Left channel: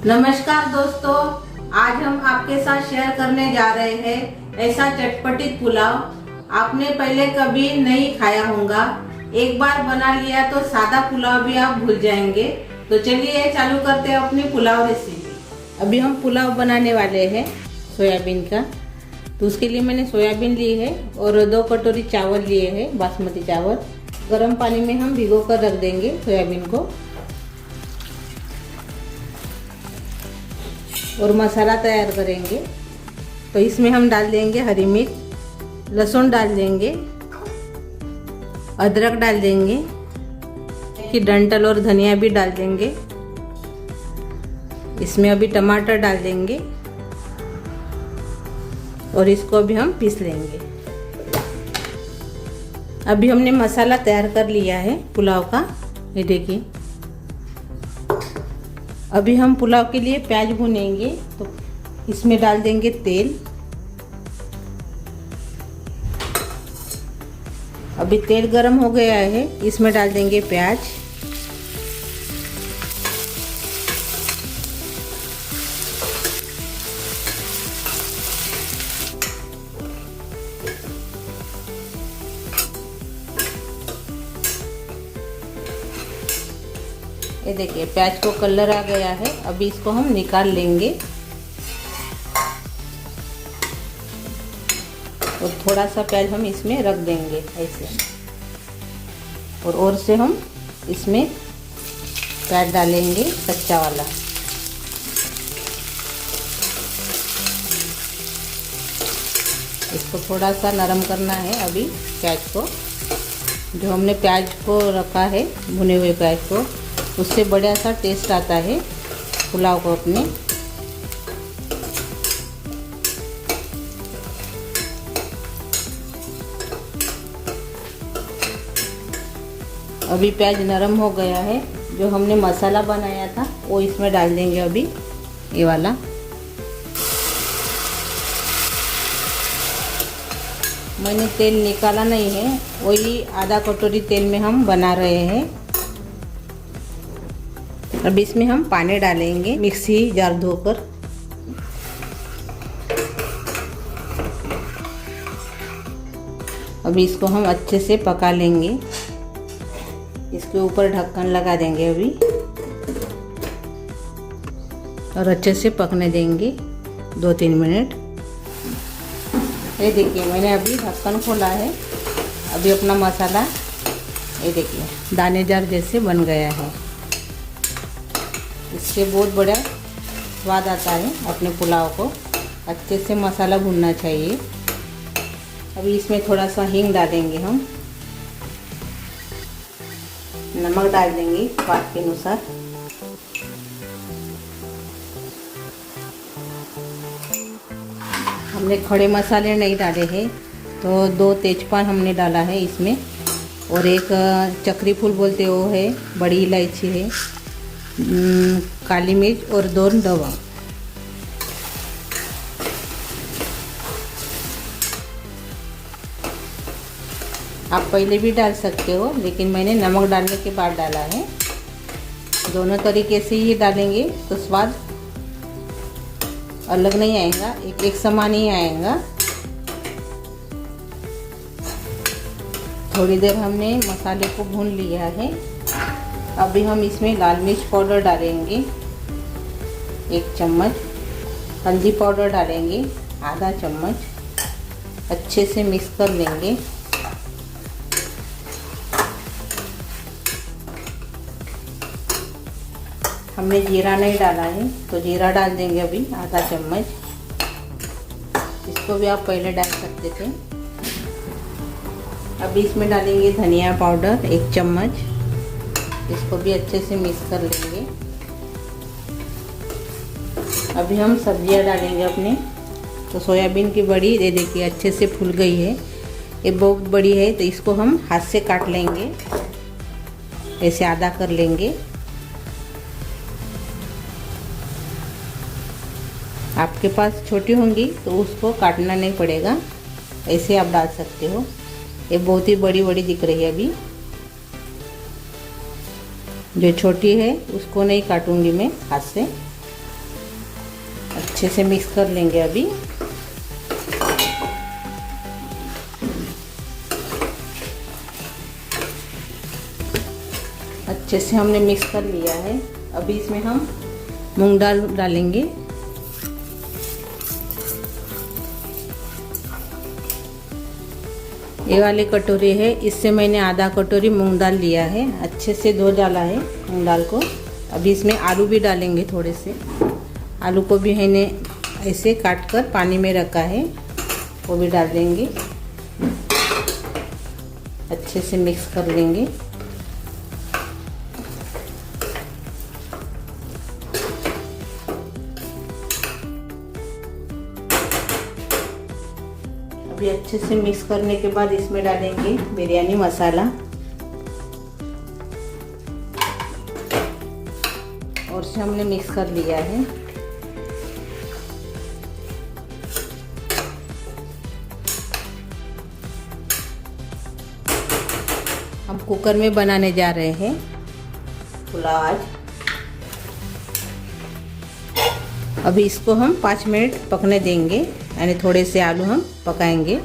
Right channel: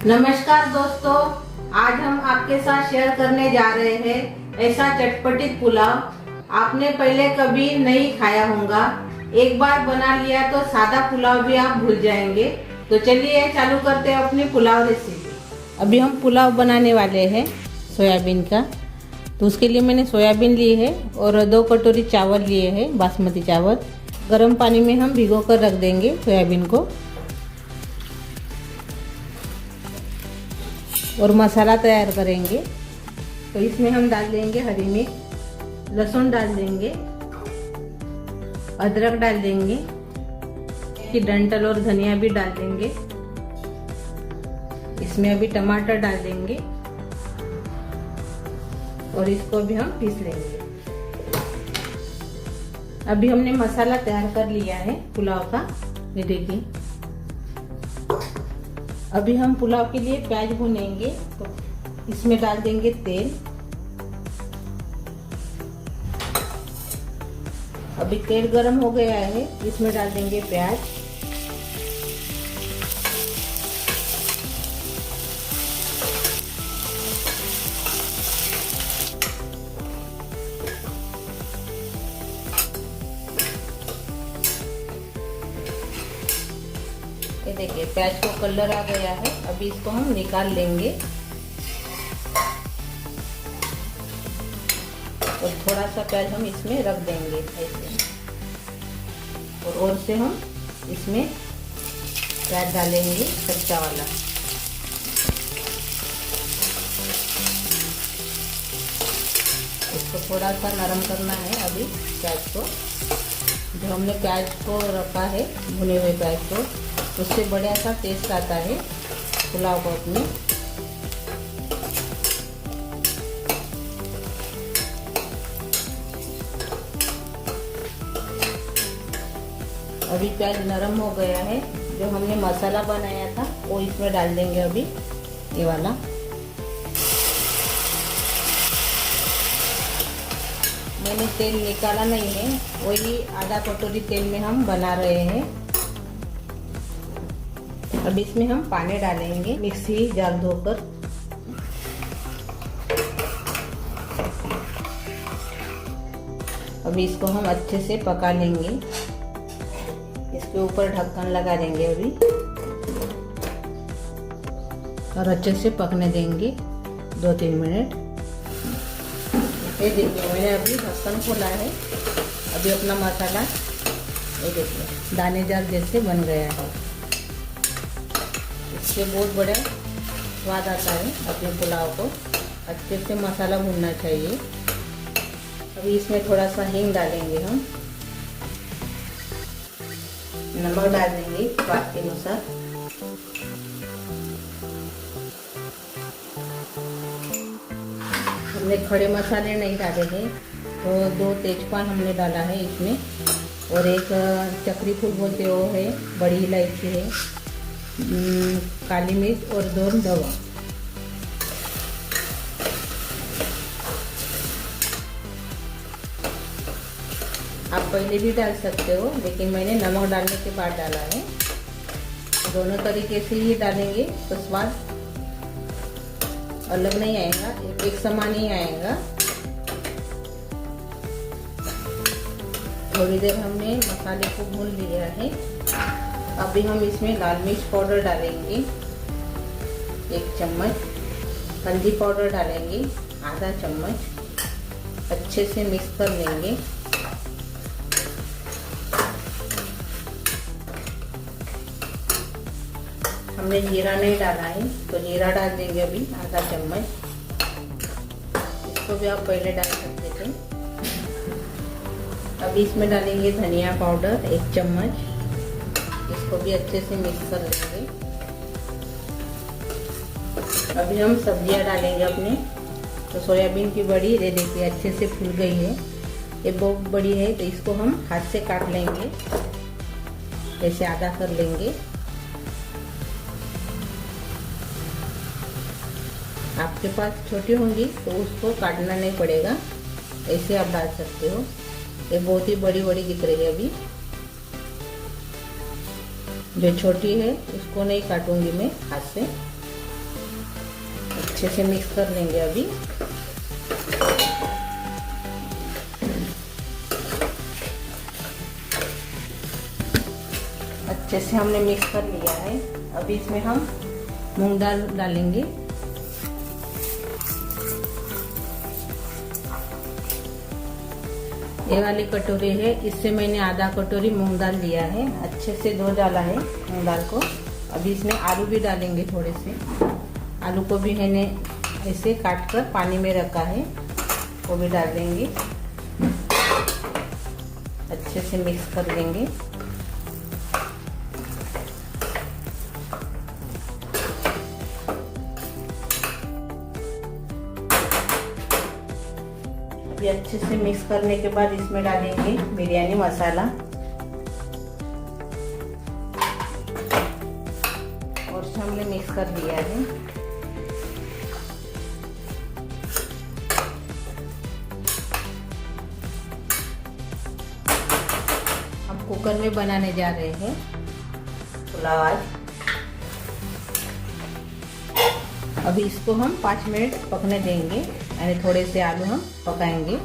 नमस्कार दोस्तों, आज हम आपके साथ शेयर करने जा रहे हैं ऐसा चटपटित पुलाव आपने पहले कभी नहीं खाया होगा। एक बार बना लिया तो सादा पुलाव भी आप भूल जाएंगे। तो चलिए चालू करते हैं अपनी पुलाव रेसिपी। अभी हम पुलाव बनाने वाले हैं सोयाबीन का। तो उसके लिए मैंने सोयाबीन ली है और 2 कटोरी चावल लिए हैं, बासमती चावल। गर्म पानी में हम भिगो कर रख देंगे सोयाबीन को। और मसाला तैयार करेंगे। तो इसमें हम डाल देंगे हरी मिर्च, लहसुन डाल देंगे, अदरक डाल देंगे, कि डंठल और धनिया भी डाल देंगे। इसमें अभी टमाटर डाल देंगे और इसको भी हम पीस लेंगे। अभी हमने मसाला तैयार कर लिया है पुलाव का, ये देखिए। अभी हम पुलाव के लिए प्याज भूनेंगे। तो इसमें डाल देंगे तेल। अभी तेल गरम हो गया है, इसमें डाल देंगे प्याज। ये देखिए प्याज को कलर आ गया है। अभी इसको हम निकाल लेंगे और थोड़ा सा प्याज हम इसमें रख देंगे ऐसे। और से हम इसमें प्याज डालेंगे कच्चा वाला। इसको थोड़ा सा नरम करना है अभी प्याज को। जो हमने प्याज को रखा है, भुने हुए प्याज को, उससे बढ़िया सा टेस्ट आता है पुलाव को अपने। अभी प्याज नरम हो गया है। जो हमने मसाला बनाया था वो इसमें डाल देंगे अभी, ये वाला। मैंने तेल निकाला नहीं है, वही आधा कटोरी तेल में हम बना रहे हैं। अब इसमें हम पानी डालेंगे, मिक्सी जार धोकर। अभी इसको हम अच्छे से पका लेंगे। इसके ऊपर ढक्कन लगा देंगे अभी और अच्छे से पकने देंगे 2-3 मिनट। ये देखिए मैंने अभी ढक्कन खोला है। अभी अपना मसाला ये देखिए दानेदार जैसे बन गया है। इससे बहुत बड़ा स्वाद आता है अपने पुलाव को। अच्छे से मसाला भूनना चाहिए। अभी इसमें थोड़ा सा हींग डालेंगे हम। नमक डाल देंगे स्वाद के अनुसार। हमने खड़े मसाले नहीं डाले हैं, तो 2 तेजपान हमने डाला है इसमें। और एक चक्री फूल बोलते वो है, बड़ी इलायची है, काली मिर्च और 2 लौंग। आप पहले भी डाल सकते हो, लेकिन मैंने नमक डालने के बाद डाला है। दोनों तरीके से ही डालेंगे तो स्वाद अलग नहीं आएगा, एक समान ही आएगा। थोड़ी देर हमने मसाले को भून लिया है। अभी हम इसमें लाल मिर्च पाउडर डालेंगे 1 चम्मच, हल्दी पाउडर डालेंगे आधा चम्मच। अच्छे से मिक्स कर लेंगे। हमने जीरा नहीं डाला है, तो जीरा डाल देंगे अभी आधा चम्मच। इसको भी आप पहले डाल सकते थे। अभी इसमें डालेंगे धनिया पाउडर 1 चम्मच। इसको भी अच्छे से मिक्स कर लेंगे। अभी हम सब्जियां डालेंगे अपने। तो सोयाबीन की बड़ी ये देखिए अच्छे से फूल गई है। ये बहुत बड़ी है, तो इसको हम हाथ से काट लेंगे, ऐसे आधा कर लेंगे। आपके पास छोटी होंगी तो उसको काटना नहीं पड़ेगा, ऐसे आप डाल सकते हो। ये बहुत ही बड़ी बड़ी दिख रही है अभी। जो छोटी है उसको नहीं काटूंगी मैं हाथ से। अच्छे से मिक्स कर लेंगे अभी। अच्छे से हमने मिक्स कर लिया है। अभी इसमें हम मूंग दाल डालेंगे। ये वाली कटोरी है, इससे मैंने आधा कटोरी मूंग दाल लिया है। अच्छे से धो डाला है मूंग दाल को। अभी इसमें आलू भी डालेंगे थोड़े से। आलू को भी मैंने ऐसे काट कर पानी में रखा है, वो भी डाल देंगे। अच्छे से मिक्स कर लेंगे। अभी अच्छे से मिक्स करने के बाद इसमें डालेंगे बिरयानी मसाला और से हमने मिक्स कर लिया है। हम कुकर में बनाने जा रहे हैं पुलाव आज। अभी इसको हम 5 मिनट पकने देंगे, यानी थोड़े से आलू हम पकाएंगे।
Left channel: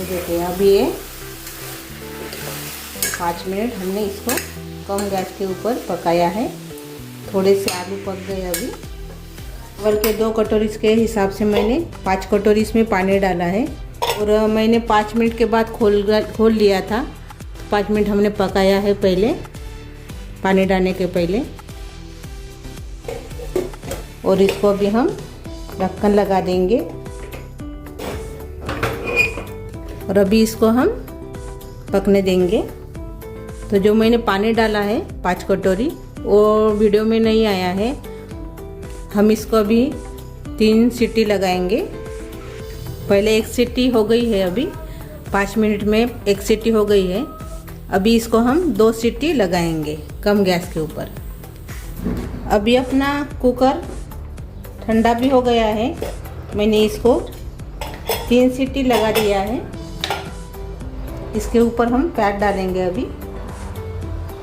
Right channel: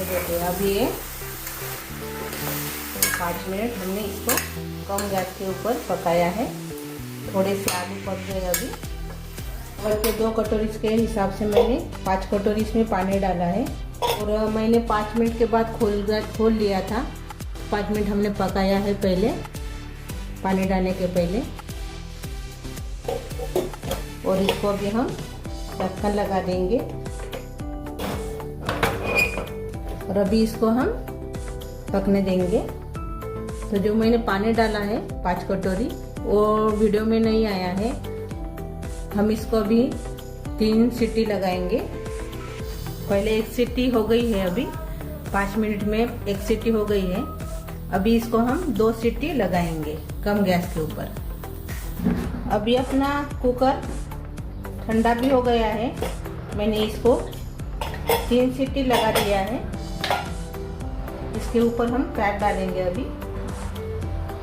देखिए अभी ये 5 मिनट हमने इसको कम गैस के ऊपर पकाया है। थोड़े से आलू पक गए। अभी और के 2 कटोरी के हिसाब से मैंने 5 कटोरी इसमें पानी डाला है और मैंने 5 मिनट के बाद खोल लिया था। 5 मिनट हमने पकाया है पहले, पानी डालने के पहले। और इसको भी हम ढक्कन लगा देंगे और अभी इसको हम पकने देंगे। तो जो मैंने पानी डाला है 5 कटोरी, वो वीडियो में नहीं आया है। हम इसको अभी 3 सीटी लगाएंगे। पहले 1 सीटी हो गई है। अभी 5 मिनट में 1 सीटी हो गई है। अभी इसको हम 2 सीटी लगाएंगे कम गैस के ऊपर। अभी अपना कुकर ठंडा भी हो गया है। मैंने इसको 3 सीटी लगा दिया है। इसके ऊपर हम पैक डालेंगे अभी,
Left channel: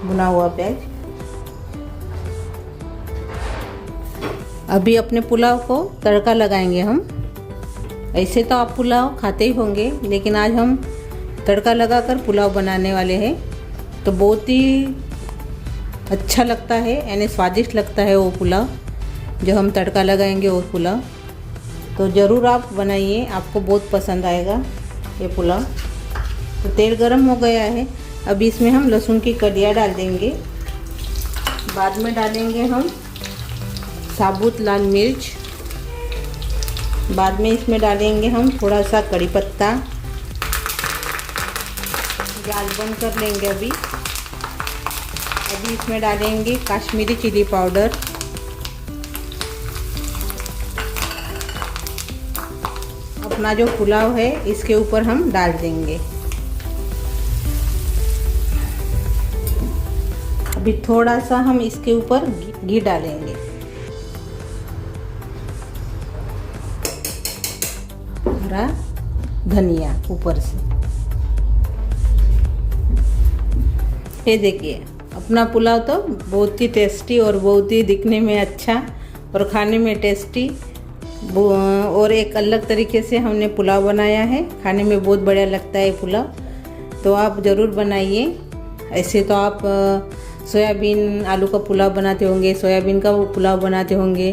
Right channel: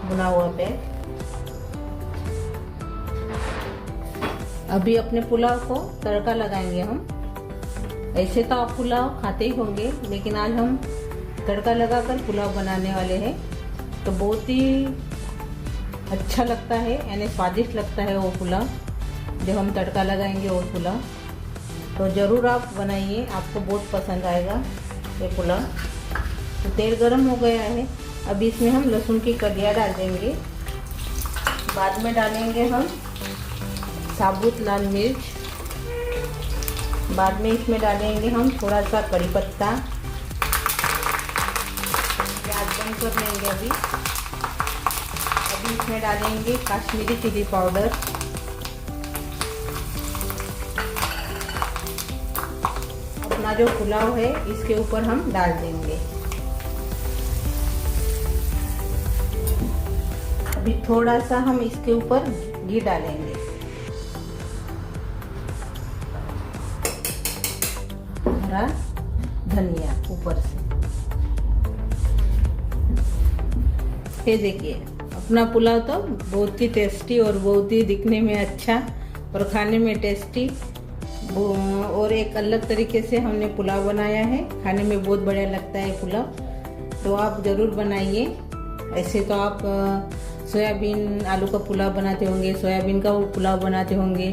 भुना हुआ पैक। अभी अपने पुलाव को तड़का लगाएंगे हम। ऐसे तो आप पुलाव खाते ही होंगे, लेकिन आज हम तड़का लगाकर पुलाव बनाने वाले हैं। तो बहुत ही अच्छा लगता है, यानी स्वादिष्ट लगता है वो पुलाव जो हम तड़का लगाएंगे, वो पुलाव। तो ज़रूर आप बनाइए, आपको बहुत पसंद आएगा ये पुलाव। तो तेल गरम हो गया है। अभी इसमें हम लहसुन की कलियाँ डाल देंगे। बाद में डालेंगे हम साबुत लाल मिर्च। बाद में इसमें डालेंगे हम थोड़ा सा कड़ी पत्ता। गैस बंद कर लेंगे। अभी इसमें डालेंगे कश्मीरी चिली पाउडर। अपना जो पुलाव है इसके ऊपर हम डाल देंगे। अभी थोड़ा सा हम इसके ऊपर घी डालेंगे। हरा धनिया ऊपर से। ये देखिए अपना पुलाव तो बहुत ही टेस्टी और बहुत ही दिखने में अच्छा और खाने में टेस्टी और एक अलग तरीके से हमने पुलाव बनाया है। खाने में बहुत बढ़िया लगता है पुलाव। तो आप ज़रूर बनाइए। ऐसे तो आप सोयाबीन आलू का पुलाव बनाते होंगे, सोयाबीन का पुलाव बनाते होंगे।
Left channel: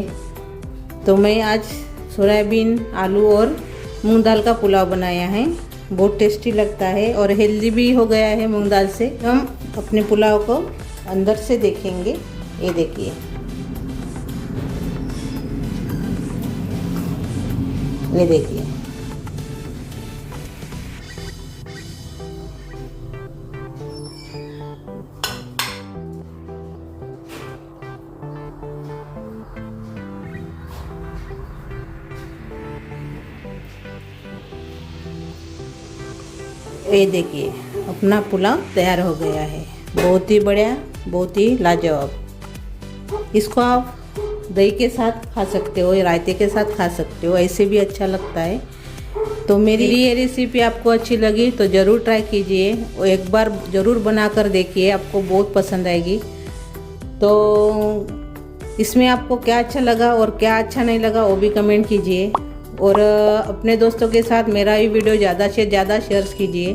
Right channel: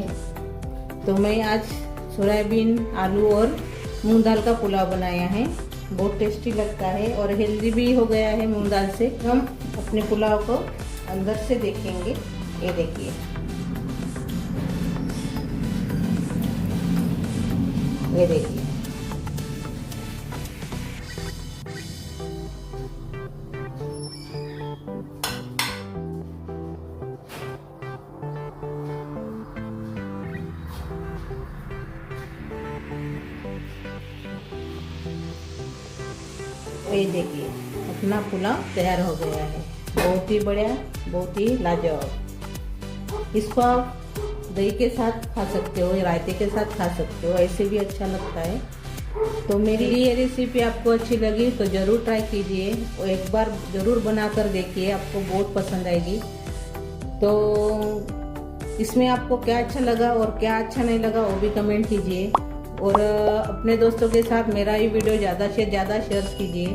तो मैं आज सोयाबीन आलू और मूंग दाल का पुलाव बनाया है। बहुत टेस्टी लगता है और हेल्दी भी हो गया है मूंग दाल से। हम अपने पुलाव को अंदर से देखेंगे। ये देखिए, ये देखिए। ये देखिए अपना पुलाव तैयार हो गया है। बहुत ही बढ़िया, बहुत ही लाजवाब। इसको आप दही के साथ खा सकते हो, रायते के साथ खा सकते हो, ऐसे भी अच्छा लगता है। तो मेरी ये रेसिपी आपको अच्छी लगी तो ज़रूर ट्राई कीजिए और एक बार ज़रूर बना कर देखिए, आपको बहुत पसंद आएगी। तो इसमें आपको क्या अच्छा लगा और क्या अच्छा नहीं लगा वो भी कमेंट कीजिए, और अपने दोस्तों के साथ मेरा ये वीडियो ज़्यादा से ज़्यादा शेयर कीजिए,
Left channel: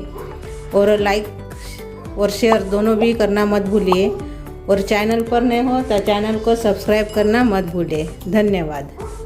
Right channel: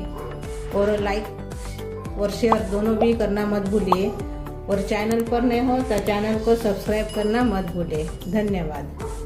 और लाइक और शेयर दोनों भी करना मत भूलिए, और चैनल पर नए हो तो चैनल को सब्सक्राइब करना मत भूलिए। धन्यवाद।